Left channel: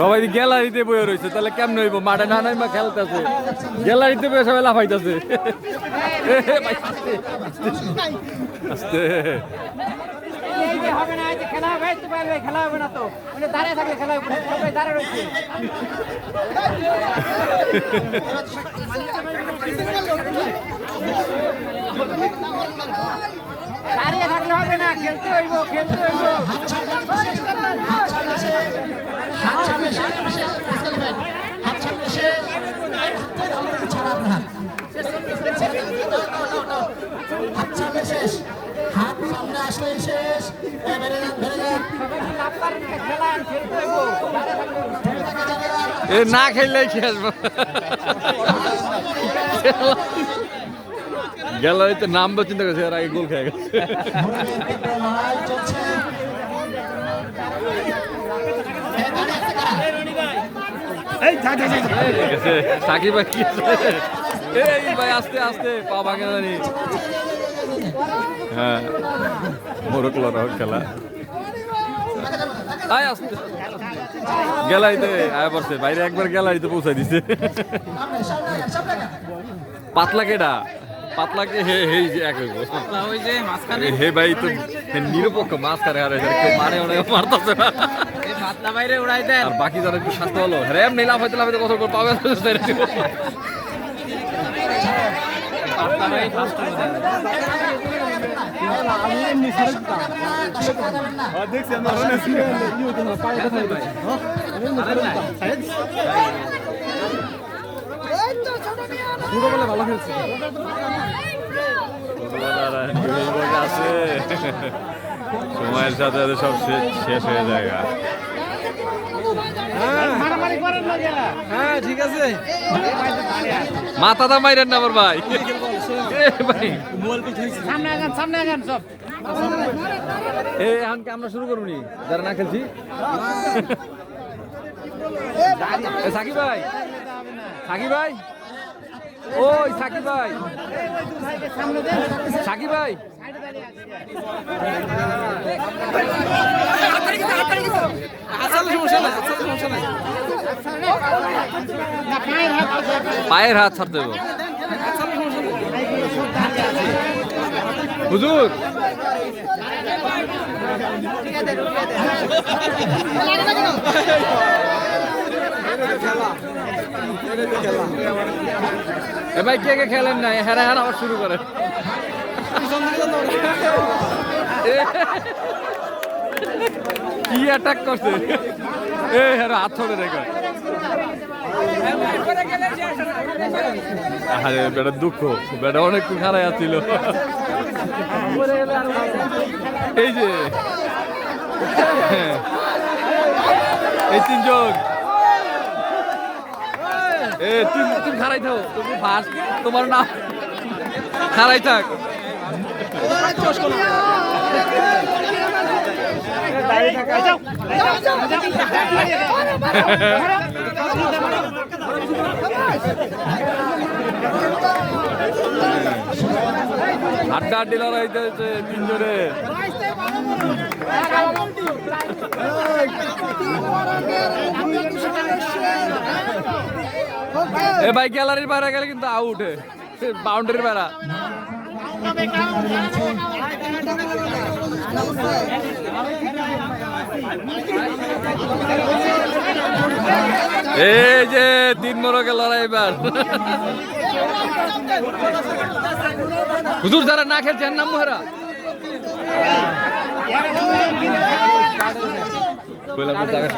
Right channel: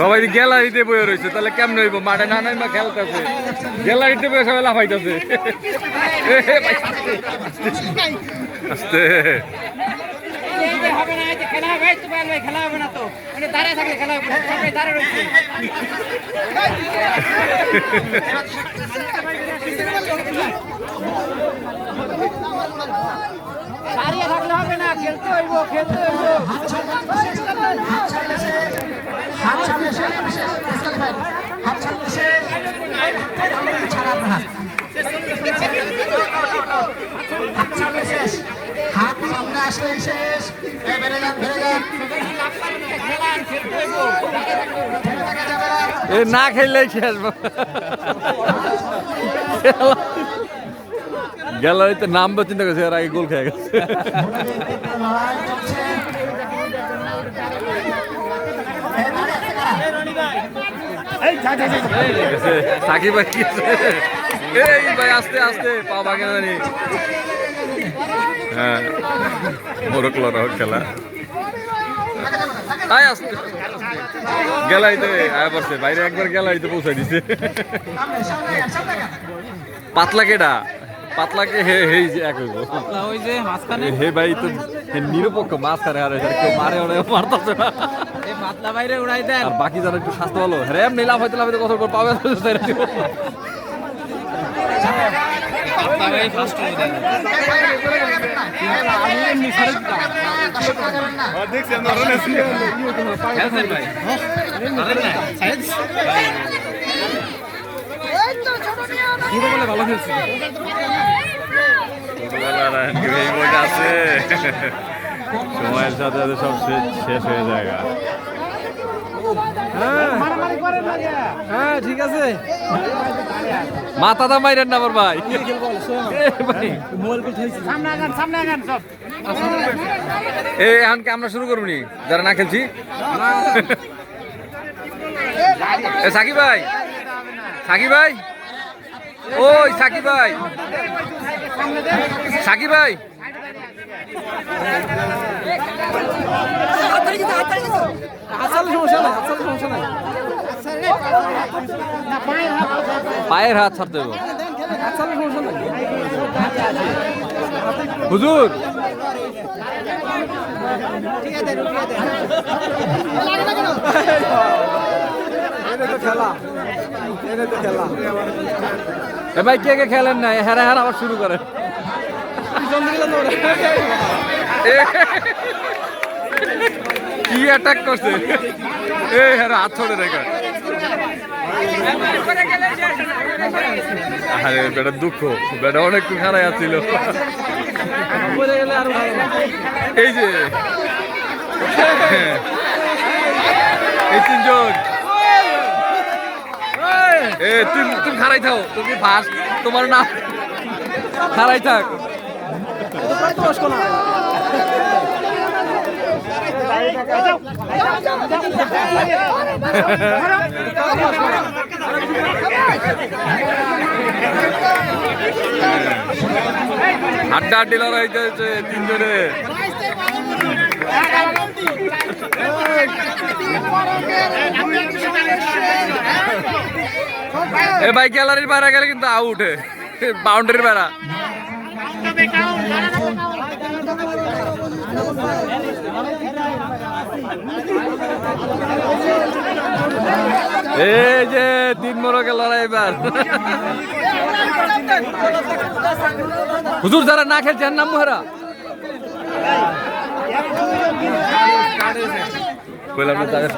সবাই গ্যালারিতে বয়ে রয়েছে, তাহলে কেমন হইব? মাঠে না নাই মা খেলতেছে, গ্যালারিতে বয়ে সবাই লাফাইতেছে। আস্তে এ না খেললে খেলবো, গ্যালারিতে নামবো চিন্তা করছে, আর আগে গোল খেয়ে গেছে। সাকিব ভাই কি এই ভাই আস্তে আস্তে পা ভাঙে জানি। হ্যাঁ মোরক লড়ক খেলা আসতে গ্যালারিতে আয়া পড়ছে, বাইরে একবার গ্যালারিতে পৌঁছাই দিছে। পাতলা কেডা পাতলাকে হে হে এক হে ভাই তো নিরপেক্ষ মাছ খারে, আর কেউ মারে ওরা মারতেছে না, আর বাকি যারা একটু স্বাস্থ্য ভালো হ্যাঁ এমনি লাফাইতে লাফাইতে কত করে পাবে। আছে সময়ের সাথে সাথে সব শেষ হয়ে যায়। মাথা দা মাইরেন না ভাই, এখনকে আমরা শুরু করবো নি যারা না খেলছি। সাকিব ভাই, সাকিব ভাই, ওই সাকিব ভাই, সাকিব ভাই পায়ের হাত ছাড়তে দেবো হুজুর। ভাই কে কে খেলেন না, হ্যাঁ হ্যাঁ আবার শুরু করে। কি অ্যাটাক করছে, এ হ্যাঁ হাত ছড়ে রেখে। আরে বেটা দুঃখ, বেটা অনেকটু খারাপ আসছিল। এই যে এই তিনজন, এ তুমি খারাই থাও, তুমি ফার্স্ট, তোমার নাম খারাই থাক। হাড্ডা হাড্ডি লড়াই হইতেছে তিনজনে। এ ভাই গ্যালারির বাইরে গেলে কিন্তু আউট, বাউন্ডারির বাইরে। এই যে তিন মোরকে লড়াই এবার। হুজুর যারা না খেলছেন নাম মোহরা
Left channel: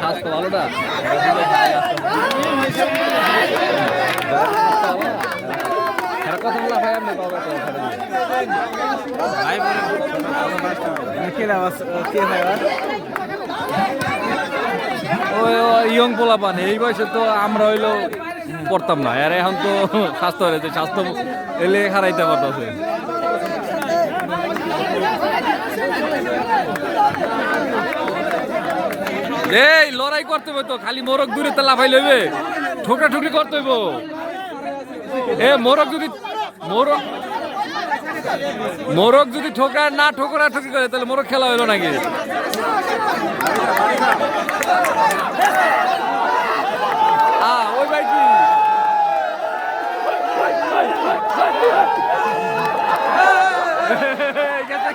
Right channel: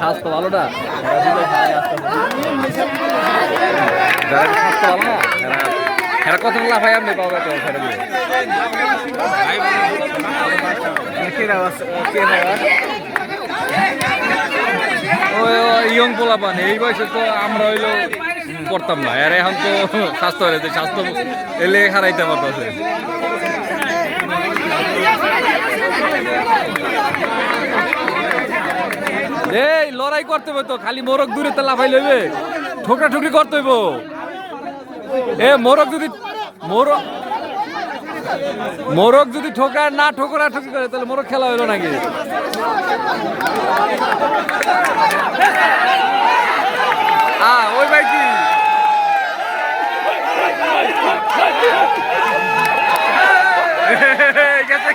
স্বাস্থ্য ভালো না, কত লাফাই আপনি পাবেন। ওই ইয়ং পোলাপান এই বয়সে তো আমরা হইলো করতাম না, আর এখন তো স্বাস্থ্য হয়েছে, স্বাস্থ্য এলে হারাইতে পারতেছে। এই লড়াই করতে হবে তো, খালি মোরগ দূরে তো লাফাই লইবে, ঠোকরা ঠুকরি করতে হইব। এ মোরগ যদি ঠোকায় না ঠোকরা ঠকি করে তাহলে মোরগ খেলা হইলো নাকি? ওই ভাই কি গেছে